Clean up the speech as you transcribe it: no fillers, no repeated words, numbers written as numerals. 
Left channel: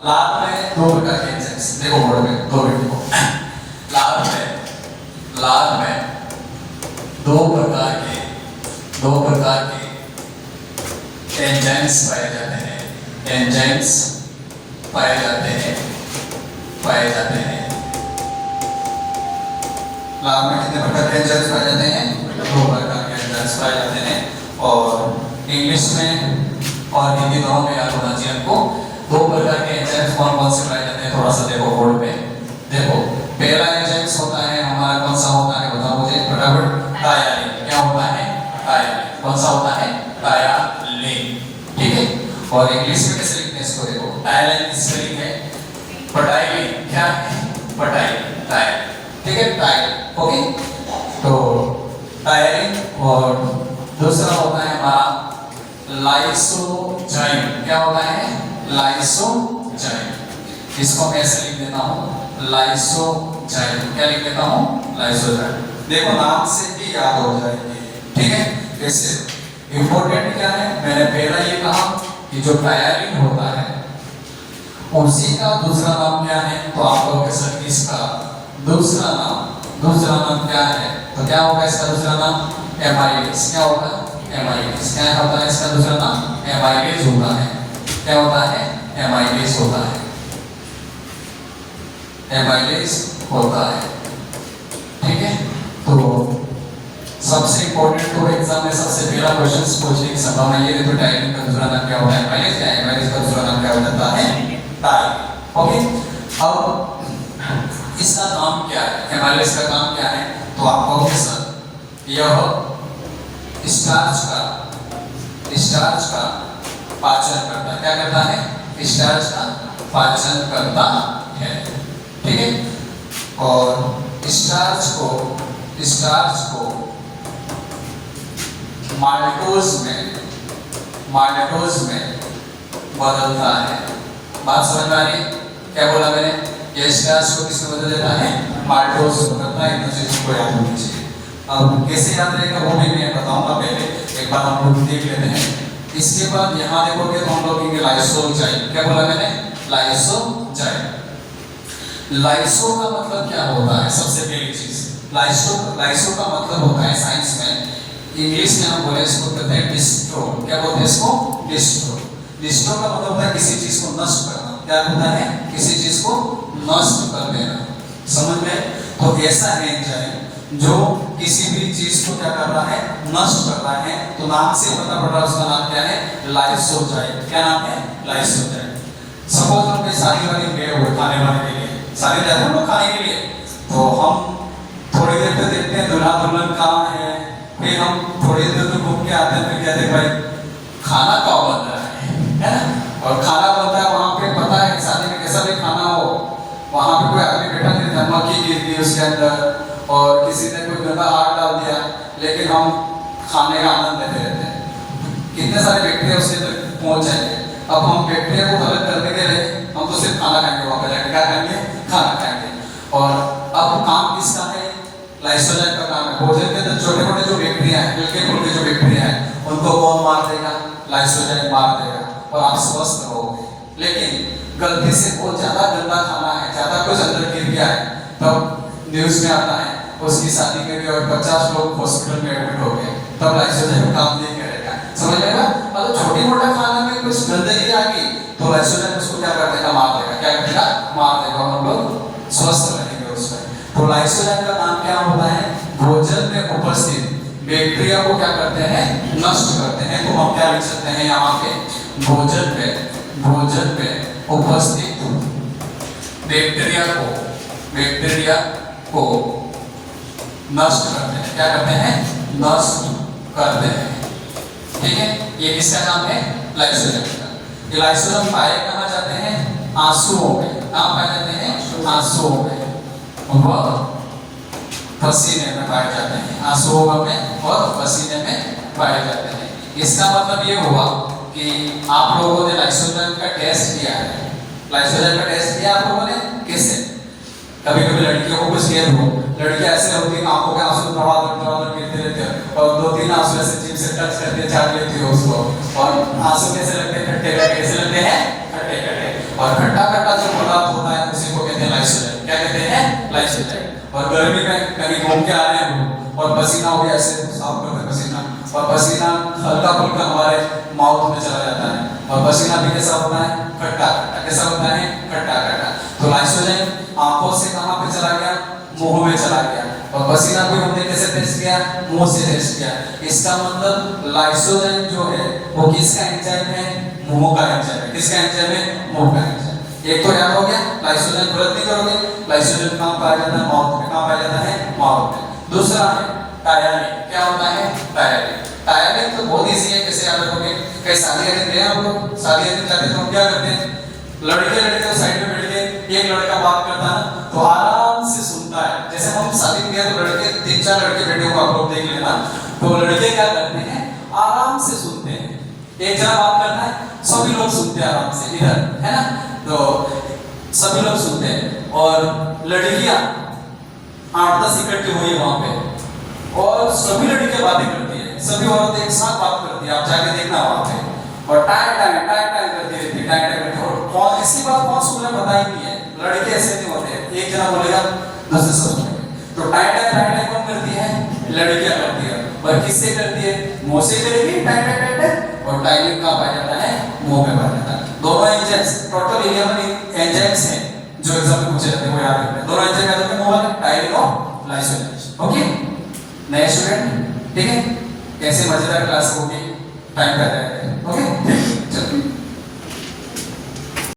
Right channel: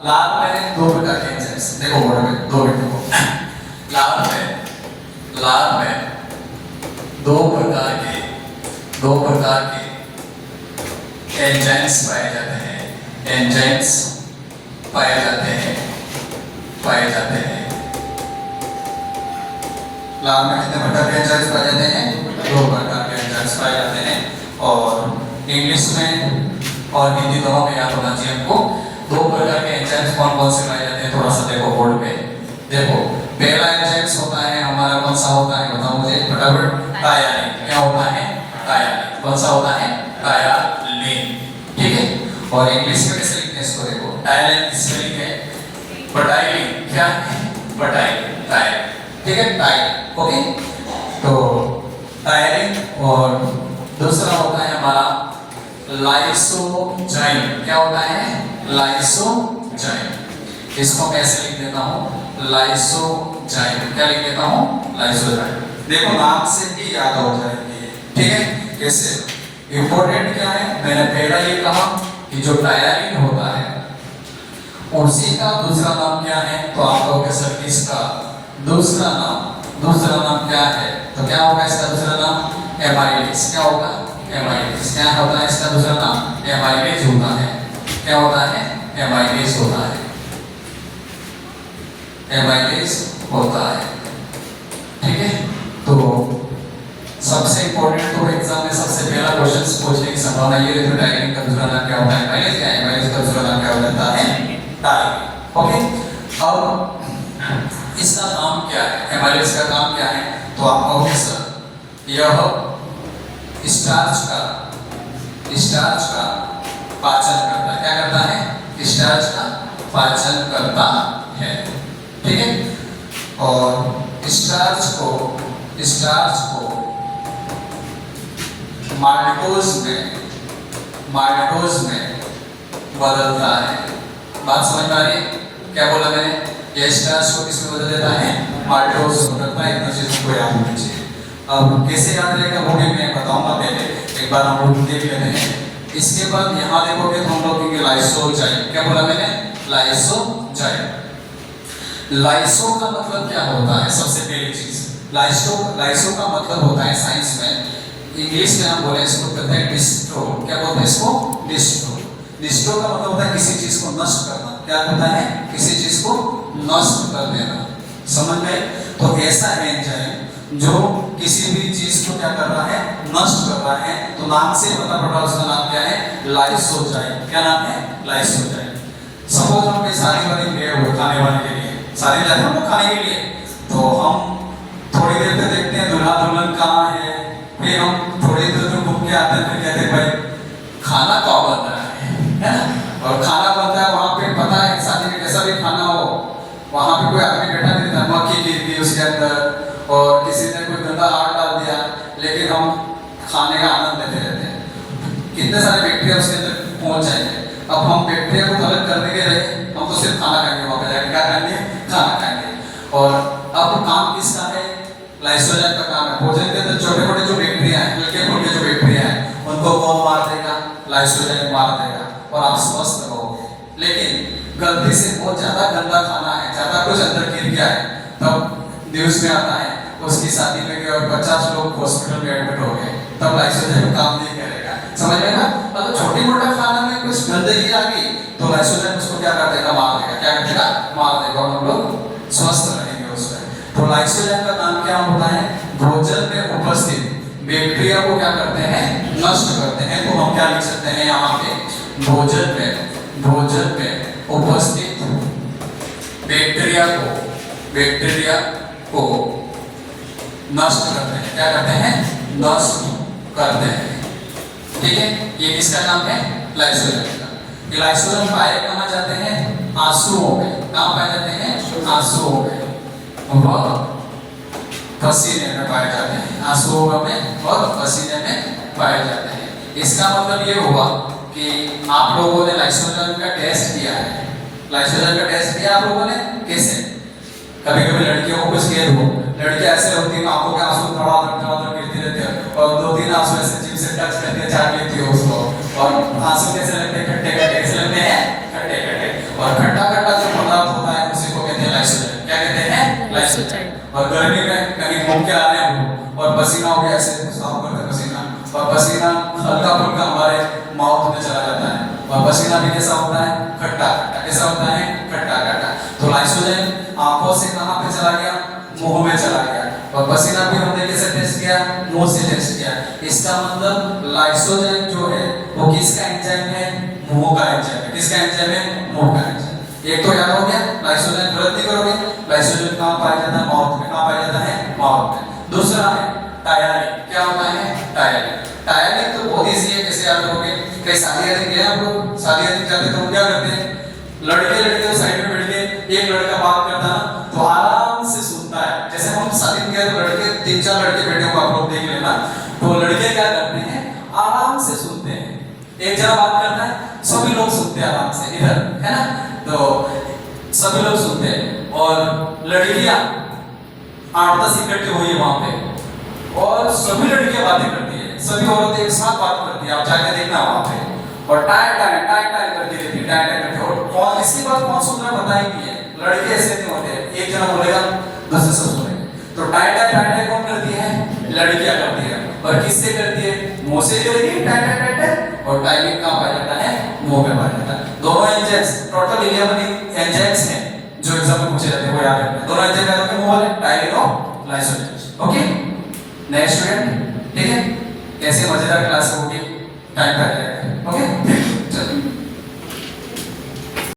लाभ में दो प्रकार के एंजाइम्स देखो बोर्ड में दो मिनट को लाभ में दो प्रकार के एंजाइम्स पाए जाते हैं लाभ में कितने प्रकार के एंजाइम्स पाए जाते हैं? दो प्रकार के एंजाइम्स पाए जाते हैं और इंग्लिश में और हिंदी दोनों में याद होना चाहिए आपको। दो प्रकार के एंजाइम्स कौन कौन से पाए जाते हैं थोड़ा सा देखो बोर्ड पे। देखो पहला एंजाइम्स होता है हमारा कौन सा होता है बताओ मुझे फटाफट। टायलिन। क्या होता है? टायलिन। कौन सा होता है? टायलिन। ठीक है। और इंग्लिश में कैसे लिखते हैं इसको देखो। टायलिन की स्पेलिंग है पटाइलिन। क्या है? पटाइलिन। टायलिन। ठीक है टायलिन। ओके तो टायलिन और दूसरा होता है हमारा लाइसोजाइम। क्या होता है? लाइसोजाइम। इसको कैसे लिख देता हूँ? लाइसोजाइम। क्या लिख देता हूँ? लाइसोजाइम। देखो नाम से भी याद हो जाएगी। ठीक है कैसे? इंपॉर्टेंट क्या है मैंने पहला ये कहा कि जो टायलिन होता है उसी का दूसरा नाम क्या है? तो आप लोग सर इसका दूसरा नाम क्या है? तो क्या होगा इसका दूसरा नाम? एमाइलेज। क्या होगा? एमाइलेज। क्या होता है इसका दूसरा नाम? एमाइलेज होता है। क्या होता है? एमाइलेज होता है। एमाइलेज होता है। ठीक है तो सबसे इंपॉर्टेंट तो एग्जाम में सबसे पहला क्वेश्चन पूछने की संभावना ये है तो टायलिन का दूसरा नाम क्या होता है? एमाइलेज। क्या है? एमाइलेज का दूसरा नाम क्या हो जाता है? टायलिन। ओके अब इसका काम क्या है? एमाइलेज का काम क्या है? तो आप कहोगे सर यह स्टार्च का पाचन करता है। क्या करता है? स्टार्च का पाचन करता है। ठीक है और स्टार्च को माल्टोज में बदलता है। बात समझ में आ रही है? क्या बोला मैंने? ये स्टार्च को किसमें बदल देता है? माल्टोज बदलता है। इतना चीज को याद होनी चाहिए। अब कैसे याद रहेगा वो भी मैं बताऊंगा। पहले एक बार हम लोग देख लेते हैं। इसके बाद यहाँ देखोगे तो हम लोग कहेंगे लाइसोजाइम। क्या बोला मैंने? लाइसोजाइम। लाइसो का मतलब क्या होता है? सबसे पहली चीज लाइसो का मतलब होता है साइंस में इंग्लिश में हम बोले इसको कहते हैं डिस्ट्रो। क्या बोलते हैं इसको? डिस्ट्रो। डिस्ट्रो का मतलब होता है किसी चीज को नष्ट करना। क्या होता है? किसी चीज को नष्ट कर देना। समझ में? तो ऐसा एंजाइम जो किसी भी चीज को क्या कर रहा है? नष्ट कर रहा है। तो नाम से पता पड़ रहा है उसका नाम क्या है? लाइसोजाइम। क्या नाम है? लाइसोजाइम। सपोज हम कोई शादी वाली गए हो खाने वाले के लिए, शादी जाते हैं लोग खाने के लिए, तो हम थोड़ी देर पे देखते हैं दूल्हा दुल्हन कहाँ है। फिर हम थोड़ी देर में घूम के आते हैं फिर कहते हैं भाई खाना कब बन रहा है ना? और खाना बनता है वहाँ पे पता है शादी में कैसा भी खाना हो वहाँ पे कोई आदमी बैठा नहीं था, मक्खी गिर दी उसके अंदर और किसी ने कोई गंदा हाथ डाल दिया, लेकिन हम खाने का आनंद लेते रहते हैं। कितने सारे बैक्टीरिया उसके अंदर पहुंच जाएंगे। अब हम बैक्टीरिया को अलग करने के लिए हम तो सिर्फ खाना खाएंगे। वहाँ पे जाके क्या खाएंगे? खाना खाएंगे। और अब काम किसका है? लाइसोजाइम का काम है। भोजन के अंदर छोटे मोटे जो बैक्टीरिया है, हल्के फुल्के जो बैक्टीरिया है, उनको कौन मार देगा? लाइसोजाइम मार देगा और आप स्वस्थ रहोगे। लेकिन गलती से बहुत ज्यादा गंदा खाना है, ज्यादा कुछ अंदर गिर गया है, तब न्यूज में आता है उसकी शादी में भी और 50 लोग हॉस्पिटल में एडमिट हो गए, तब लाइसोजाइम काम नहीं करेगा। समझ में ना? मतलब छोटी मोटा खाना में कुछ गंदगी आ गई तो लाइसोजाइम उसको क्या कर देगा? मार देगा। क्या कर देगा? मार देगा और हम लोग स्वस्थ रहेंगे उसमें। तो लाइसोजाइम का काम क्या होता है? भोजन में उपस्थित बैक्टीरिया को क्या करते हैं? नष्ट करते हैं। तो हम क्या लिख सकते हैं यहाँ पे? भोजन में उपस्थित बैक्टीरिया को नष्ट करते हैं। क्या करते हैं? नष्ट करते हैं। ठीक है ये किसका काम है? लाइसोजाइम का। ये लाइसोजाइम पाए कहाँ जाते हैं? आंसुओं में। कहाँ पाए जाते हैं? आंसुओं में व पसीने में पाए जाते हैं। आंसुओं में और पसीने में पाए जाते हैं। इसका मतलब ये हुआ कि आप लोगों ने लाइसोजाइम का टेस्ट किया है। लाइसोजाइम का टेस्ट किया आप लोगों ने? कैसे? कभी कभी लड़कियों को कुछ कह दो, लड़कियां ऐसे होती है आंखों के आंसू दौड़ा गिरती रहती है और 2-3 आंसू ऐसे जिम से टच करके चाट लेती है उसको और आंसू कैसे लगते हैं? खट्टे। कैसे लगते हैं? खट्टे। और खट्टा खट्टा जो पदार्थ होता है उसी को कहते हैं लाइसोजाइम। क्या कहते हैं? लाइसोजाइम। और गर्मी में कहीं घूम के आ रहे हैं और पसीना हो गया, ऐसे साफ करते हैं पसीना, और पसीना हल्का फुल्का हमारे माउथ में चला जाता है, और पसीना भी कैसा होता है? खट्टा खट्टा। कैसा होता है? खट्टा खट्टा। तो लाइसोजाइम आंखों से कहां पे चला गया? मुंह में चला गया। और पसीना भी हमने कैसे टेस्ट किया? मुंह से टेस्ट किया। इसका मतलब लाइसोजाइम जो है वो किसका एंजाइम है? मुंह का एंजाइम है। किसका एंजाइम है? मुंह का एंजाइम। एक तो याद हो गया, लाइसोजाइम गलत नहीं करोगे। लाइसोजाइम कहां पाया जाता है? माउथ में। कहां पाया जाता है? माउथ में। दूसरा है टायरिन। क्या होता है? टायरिन। टायरिन तो बहुत इजी है, कैसे याद रखोगे? कहीं शादी वादी गए आप लोग, शादी वादी जाते तो क्या करते हैं? लड़के लड़के साइड में बैठ के एक लड़का बात करता है तो आराम से सुनता है। जैसे हम शादी में गए तो लड़के 3-4 लड़के बैठे को आप लोग देख लेना, तो लड़के क्या करते हैं? आराम से सुनते हैं। एक जना बात करता है, सभी लोग सुनते हैं आराम से, इधर है ना, तो सभी लोग सुनते हैं। और लड़कियां 8-10 इकट्ठी हुई है वहां पे, और सभी लड़कियां बातें करती है, सभी औरतें एक साथ बात करती है। आप जाके देखना वहां पे, और टाइम टाइम टाइम टाइम करती रहती है, टाइम टाइम करती है। और कौन इसकी बात कौन सुन रहा है पता ही नहीं है। लड़के ऐसे नहीं होते हैं, एक जना बोलेगा दूसरे से सुनेंगे। तो टाइम टाइम कौन करती है? लड़कियां करती है। और किससे करती है? मुंह से करेगी टाइम टाइम। और टाइमिंग कहां पाया जाता है? मुंह में पाया जाता है। दोनों एंजाइम्स, टोटल 11 एंजाइम्स हैं जो एग्जाम में पूछे जाते हैं, वो याद रखना। दोनों एंजाइम याद रखना, मुंह वाले टाइमिंग और लाइसोजाइम। ओके, नए स्टूडेंट, ठीक है? कैसे मजेदार क्लास होगी, टाइम पे आ जाएगा। ओके, चलो।